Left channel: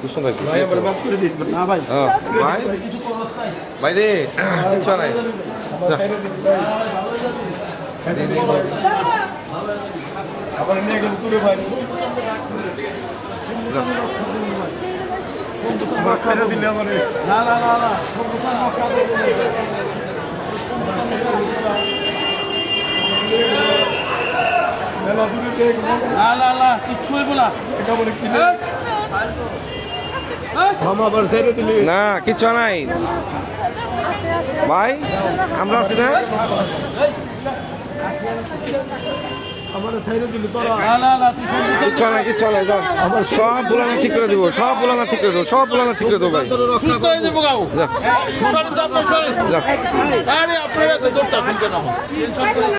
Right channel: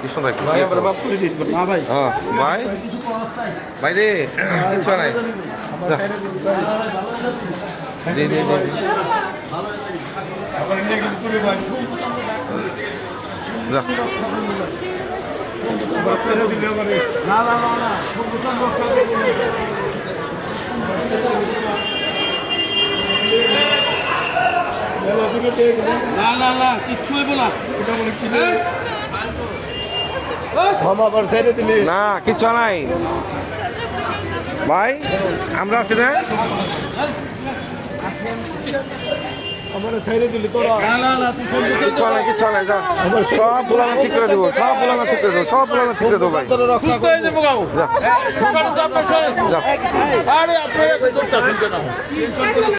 কি সুন্দর ভাই আমরা মাফ করে দিস না ভাই ভাই ভাই রে কিছু নাই আবার নিয়ে গেল পুরো ভাই মাফ করে দিলে আমারে না না না না না না না কিচ্ছু হইব না এটা বলে কি মামা আবার ছেড়ে দিলি না কিচ্ছু নাই ভাই আমরা আছি না আমার ছেড়ে দিলি তোরা না না না তুই সব কিচ্ছু নাই যাও আমার সব বুলানো ঠিক করে দেবো সব বুলানো ঠিক করে দেবো সব বুলানো ঠিক করে দেবো ভাই সুস্থ হয়ে যাবো গাও সরেন তো আপনার সরেন আরে আপনারা তো জোরটা শুনতে না